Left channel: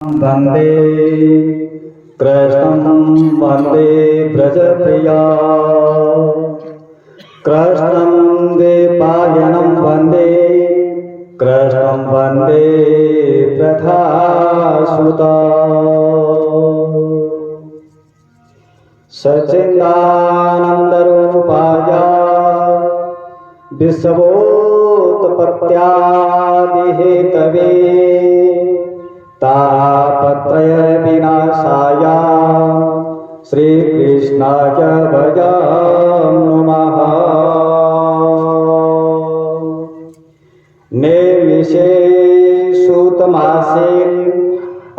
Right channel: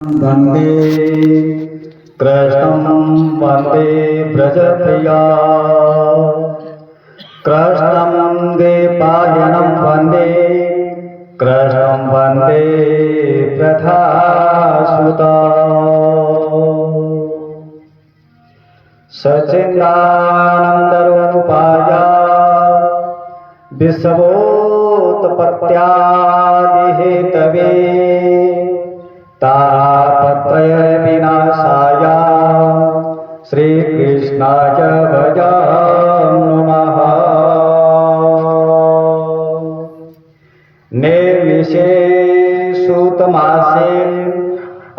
वन्दे कृष्णं वन्दे व्रजप्रिया कृष्णं द्वैपायनं वन्दे कृष्णं वन्दे प्रथासुता सच्चिदानन्दरूपाय विश्वोत्पत्त्यादिहेतवे तापत्रय विनाशाय श्रीकृष्णाय भजामि नमः। निर्विशे सूतमासे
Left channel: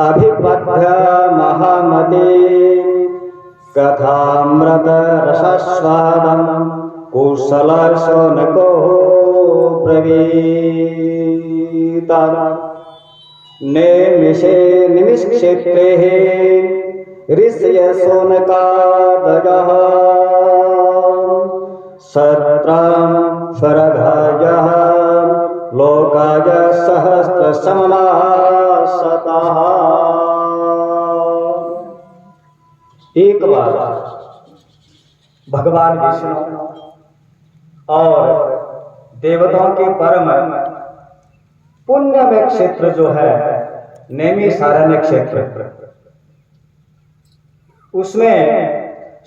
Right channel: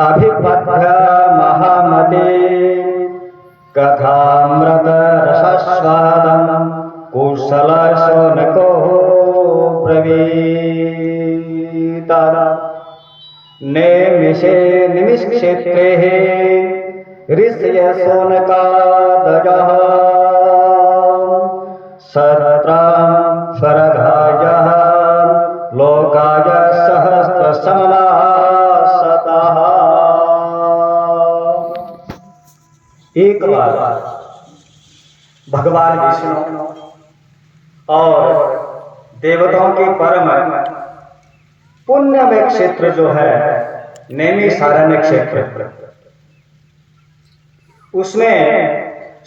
अभिपद्य महामते कथामृत रसस्वादं कुशलशौनको ब्रवीत। निमिषे निमिषक्षेत्रे ऋषय शौनकादयः सत्रं स्वर्गाय लोकाय सहस्रसमासतः। एक बार भगवान विष्णु और देवताओं के परम पुण्यमय क्षेत्र जो है नैमिषारण्य क्षेत्र, उसमें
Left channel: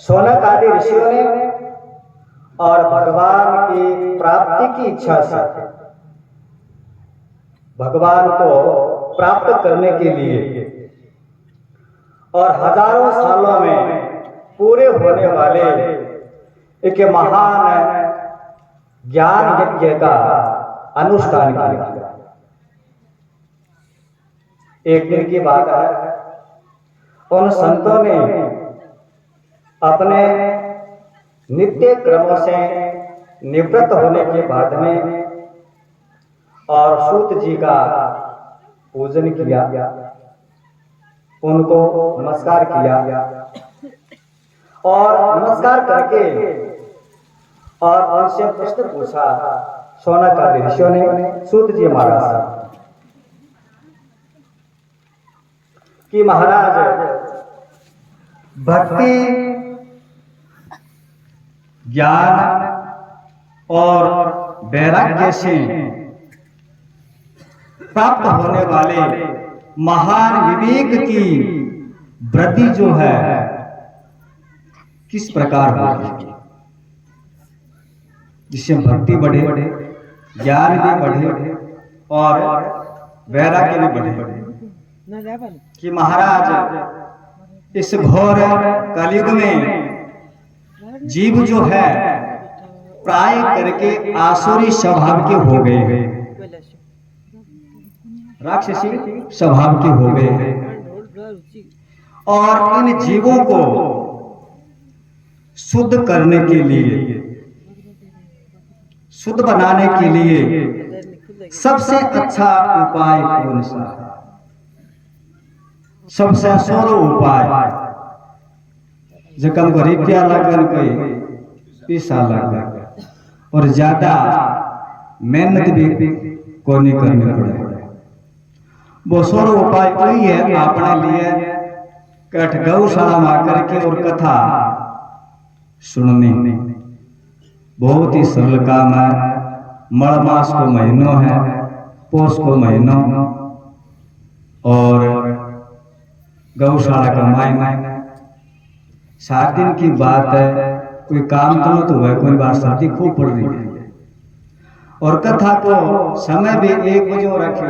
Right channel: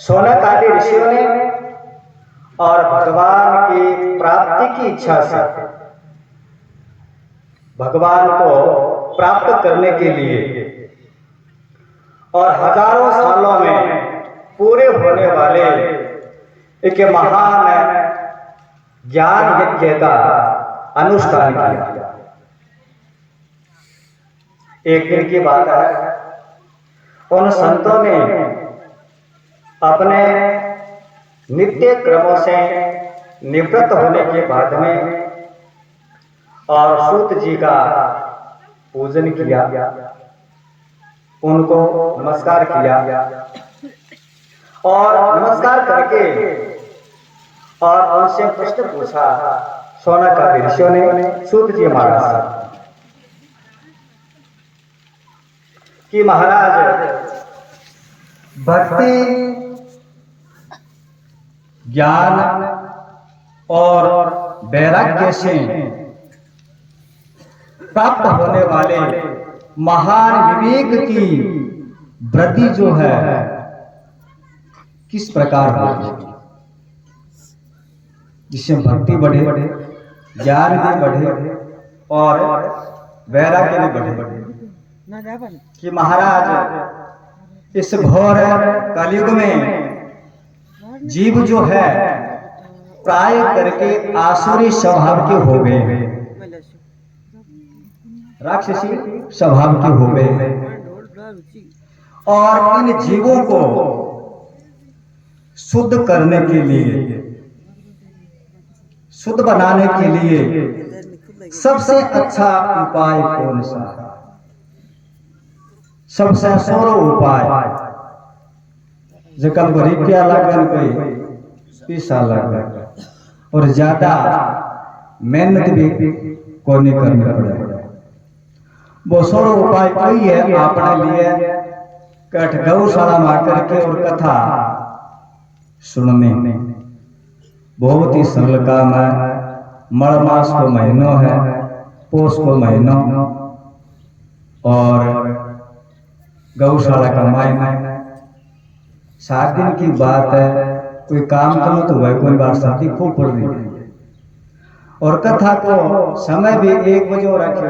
शौनक आदि ऋषियों ने और भगवान की प्राप्ति की इच्छा से भगवान को प्राप्त करने के लिए और हजारों सालों में पूरे होने वाले एक महान ज्ञान यज्ञ का अनुष्ठान किया। एक दिन की बात है, उन संतों ने अपने नित्य क्रमों से निवृत्त होने के बाद में और सूत जी का पूजन किया, उनको नमस्कार किया और नमस्कार करके और उनसे प्रश्न पूछा शौनक आदि ऋषियों ने सूत जी महाराज से कि महाराज भक्ति ज्ञान और वैराग्य से प्राप्त होने वाले महान विवेक की वृद्धि जो है किस प्रकार होगी, जिससे भक्ति बढ़े, ज्ञान भी बढ़े और वैराग्य भी बढ़े। कि महाराज इस घोर कलयुग में जीव जो है प्राय करके आसुरी स्वभाव के हो गए हैं, राक्षसी स्वभाव के हो गए हैं और इन जीवों को शुद्ध करने के लिए, शुद्ध बनाने के लिए सबसे अच्छा उपाय कौन सा है? सबसे सरल उपाय जकन को रुपया लगन कोई पैसा लग और ज्यादा मेहनत भी को नहीं करनी पड़े। वो सरल उपाय कोई है अपने लिए कठ गौशाला में करके और कथा सुनने। बहुत ही सरल काम है। मड़ मास को महीनों है, पोष को महीनों और गौशाला का महीना। 7 दिन की बात है, कोई काम तो न तो है, कोई बार शादी खूब पड़ रही है और कथा को समय भी 1 बजे रखे,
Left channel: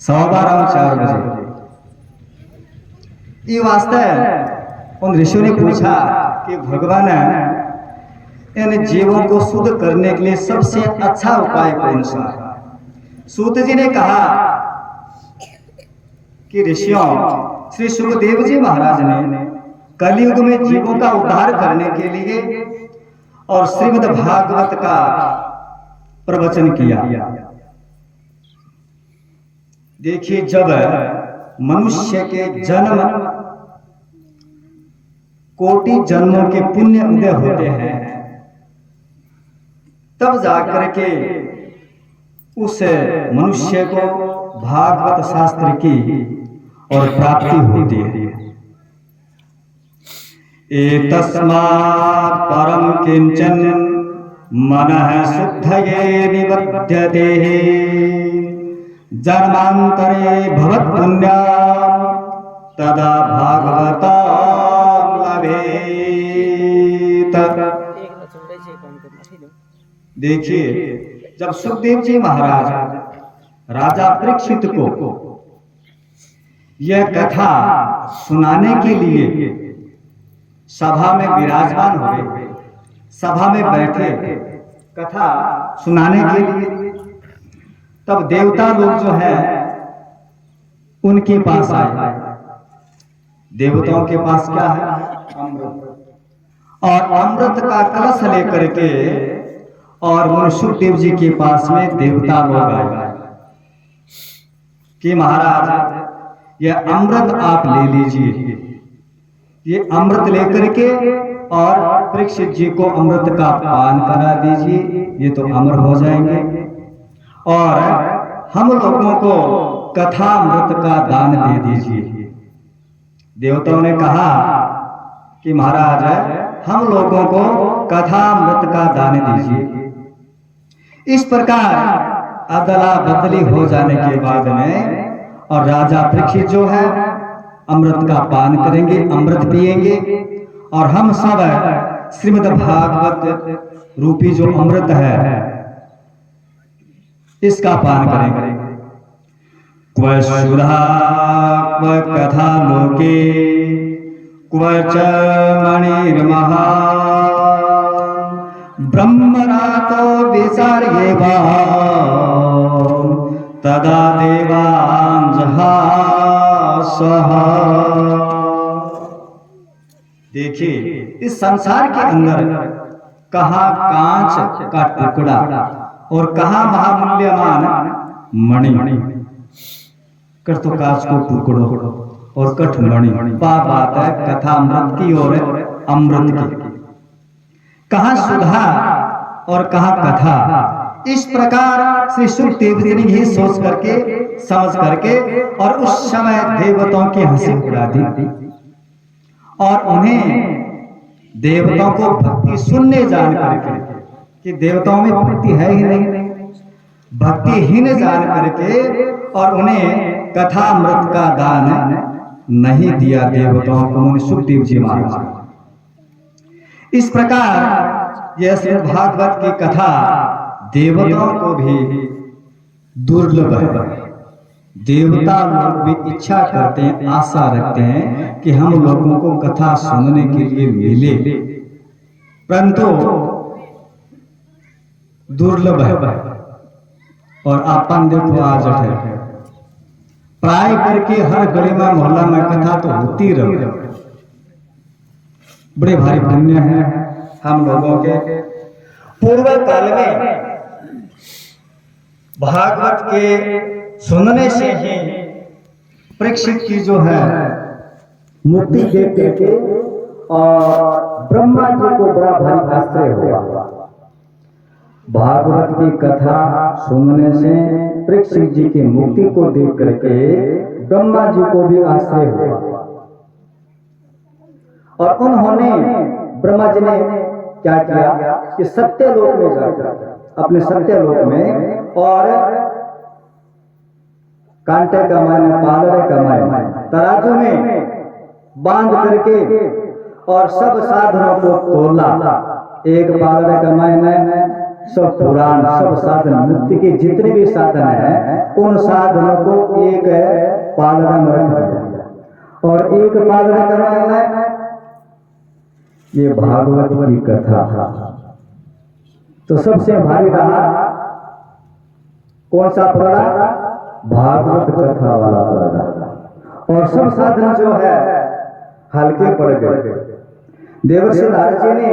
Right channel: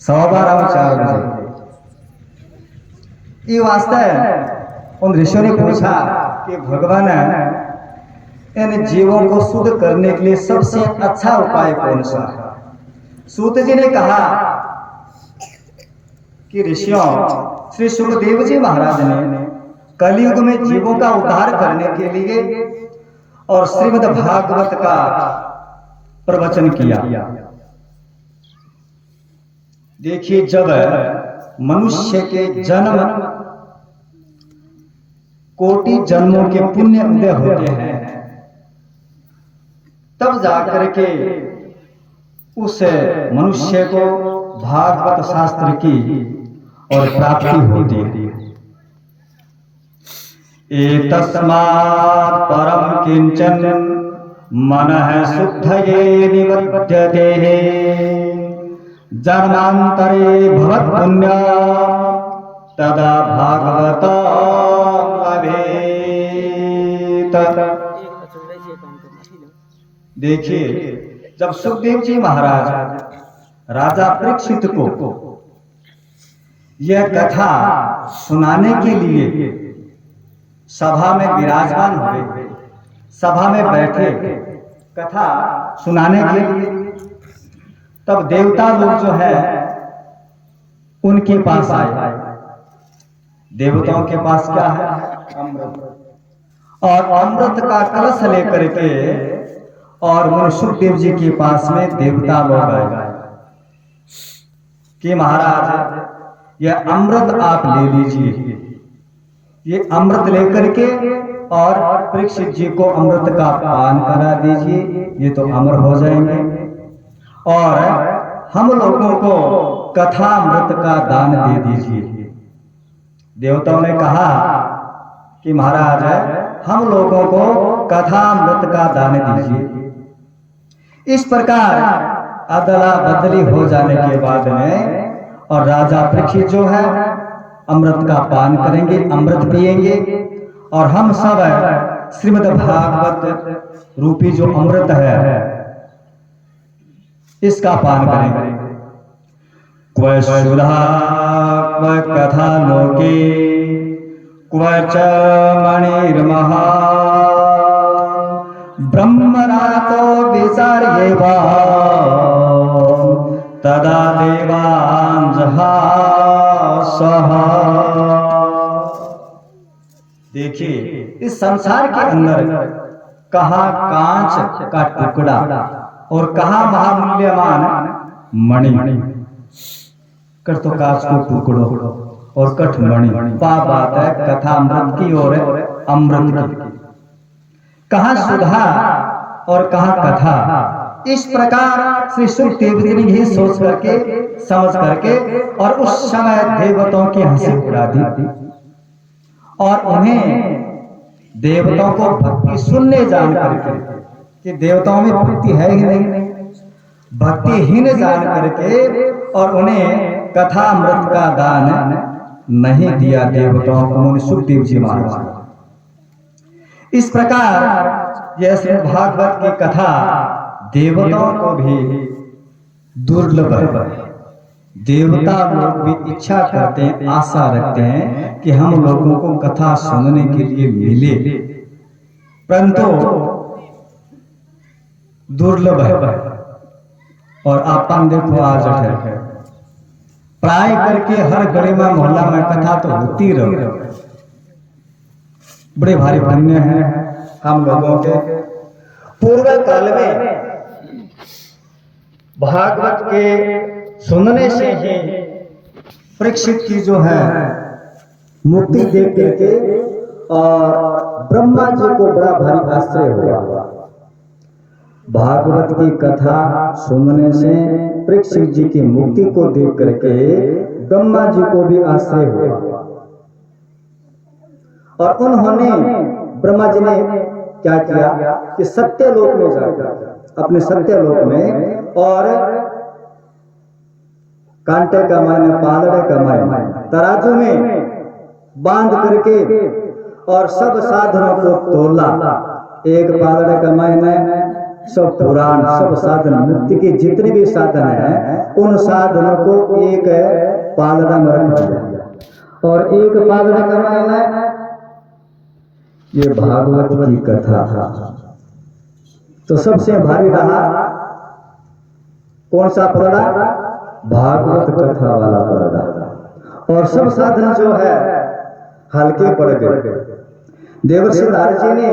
12:15 4 बजे। ये वास्ते उन ऋषियों ने पूछा कि भगवान इन जीवों को शुद्ध करने के लिए सबसे अच्छा उपाय कौन सा है? सूत जी ने कहा कि ऋषियों, श्री सुखदेव जी महाराज ने कलयुग में जीवों का उद्धार करने के लिए और श्रीमद् भागवत का प्रवचन किया। देखिए, जब मनुष्य के जन्म कोटि जन्मों के पुण्य उदय होते हैं, तब जाकर के उस मनुष्य को भागवत शास्त्र की और प्राप्ति होती है। एतस्मात् परम किंचन मनः शुद्धये निबध्यते जन्मांतरे भवत् पुण्यं तदा भागवतं लभेत। देखिए, जब सुखदेव जी महाराज राजा परीक्षित को यह कथा सुनाने के लिए सभा में विराजमान हुए, सभा में बैठे कथा सुनाने के लिए, तब देवता लोग जो है उनके पास आए। देवताओं के पास क्या है? अमृत। और अमृत का कलश लेकर के और मुनि सुखदेव जी के पास में देवता लोग आए कि महाराज यह अमृत आप ले लीजिए, ये अमृत लेकर के और परीक्षित जी को अमृत का पान करा दीजिए, ये तो अमर हो जाएंगे, और हम लोगों को कथा अमृत का दान दे दीजिए। देवताओं ने कहा कि महाराज हम लोगों को कथा अमृत का दान दीजिए। इस प्रकार अदला बदली हो जाने के बाद में और राजा परीक्षित जो है अमृत का पान करेंगे, अमृत पिएंगे, और हम सब श्रीमद् भागवत रूपी जो अमृत है इसका पान करेंगे। क्व सुधा क्व कथा लोके क्व च मणिर्महा ब्रह्मरातो विचार्येवा तदा देवांजहासः। देखिए, इस संसार के अंदर कहाँ कांच का टुकड़ा और कहाँ महामूल्यमान मणि। कर तो कांच को टुकड़ो और कठ मणि, बात है कथा अमृत की और अमृत की। कहाँ सुधा और कहाँ कथा। इस प्रकार श्री सुखदेव जी ने यही सोच करके समझ करके और उस समय देवताओं की हंसी उड़ा दी और उन्हें देवताओं को भक्ति शून्य जान करके कि देवताओं में भक्ति है ही नहीं, भक्तिहीन जान करके और उन्हें कथा अमृत का दान नहीं दिया देवताओं को मुनि सुखदेव जी महाराज। इस प्रकार यह श्रीमद् भागवत की कथा देवताओं को भी दुर्लभ है। देवता लोग भी इच्छा करते हैं, आशा रखते हैं कि हम लोगों को कथा सुनने के लिए मिले, परंतु दुर्लभ है। और अपन देखो आज है प्राय करके हर गली में मोहल्ला में कथा तो होती रही। बड़े भारी पुण्य है हम लोगों के। पूर्व काल में भागवत के सुनने से ही परीक्षित की जो है मुक्ति देख करके और ब्रह्मा जी को बड़ा भारी आश्चर्य हुआ। भागवत की कथा सुनने से परीक्षित जी की मुक्ति को देख करके ब्रह्मा जी को भी आश्चर्य हुआ और उन्होंने ब्रह्मा जी ने क्या किया कि सत्यलोक में जाकर अपने सत्यलोक में और कांटे का मायने पालड़े का मायने तराजू में बांध करके और सब साधनों को तोला। एक पालड़े का मायने सब पुराण, सब साधन, मुक्ति के जितने भी साधन हैं उन साधनों को एक पालड़ा में रख दिया और एक पालड़े का मायने ये भागवत की कथा। तो सबसे भारी रहा कौन सा पलड़ा? भागवत कथा वाला पलड़ा। और सब साधन जो है हल्के पड़ गए। देवर्षि नारद जी ने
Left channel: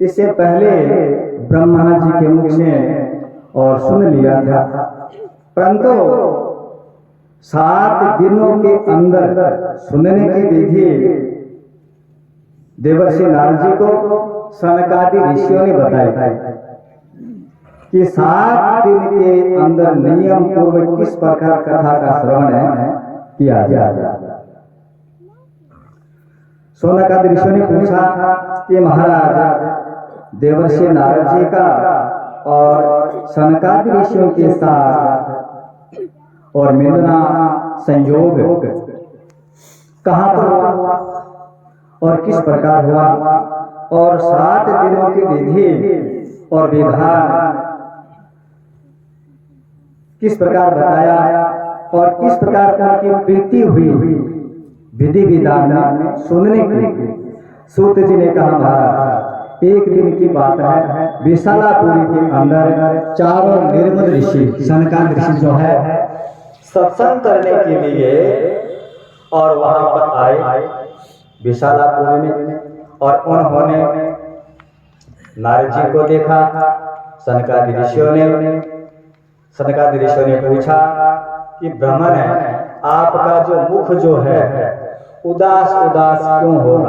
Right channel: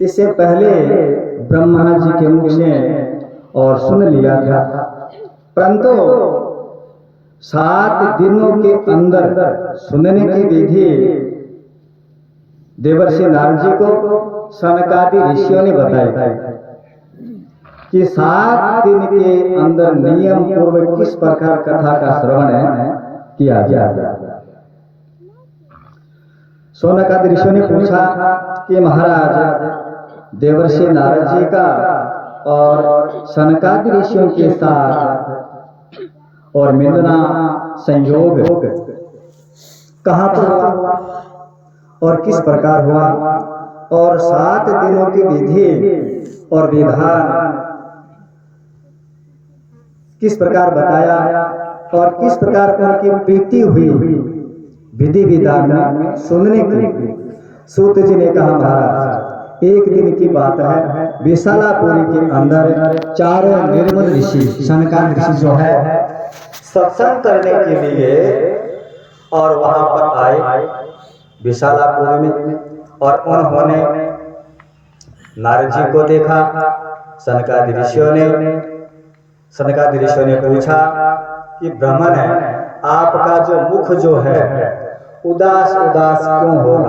इससे पहले ब्रह्मा जी के मुख से और सुन लिया था, परंतु 7 दिनों के अंदर सुनने की विधि देवर्षि नारद जी को सनकादि ऋषियों ने बताई। कि 7 दिन के अंदर नियम पूर्वक किस प्रकार कथा का श्रवण किया जाए। शौनकादि ऋषियों ने पूछा कि महाराज देवर्षि नारद जी का और सनकादि ऋषियों के साथ और मिलना संयोग कहाँ पर हुआ और किस प्रकार हुआ, और 7 दिनों की विधि और विधान किस प्रकार बताया और किस प्रकार उनकी प्रीति हुई विधि विधान में सुनने की। सूत जी ने कहा महाराज एक दिन की बात है, विशालापुरी के अंदर 4 निर्मल ऋषि सनकादि ऋषि जो है सत्संग करने के लिए और वहां पर आए विशालापुरी में, और उन्होंने नारद जी को देखा। सनकादि ऋषियों ने पूछा कि ब्राह्मण है, आपका जो मुख जो है उदास उदास क्यों हो रहा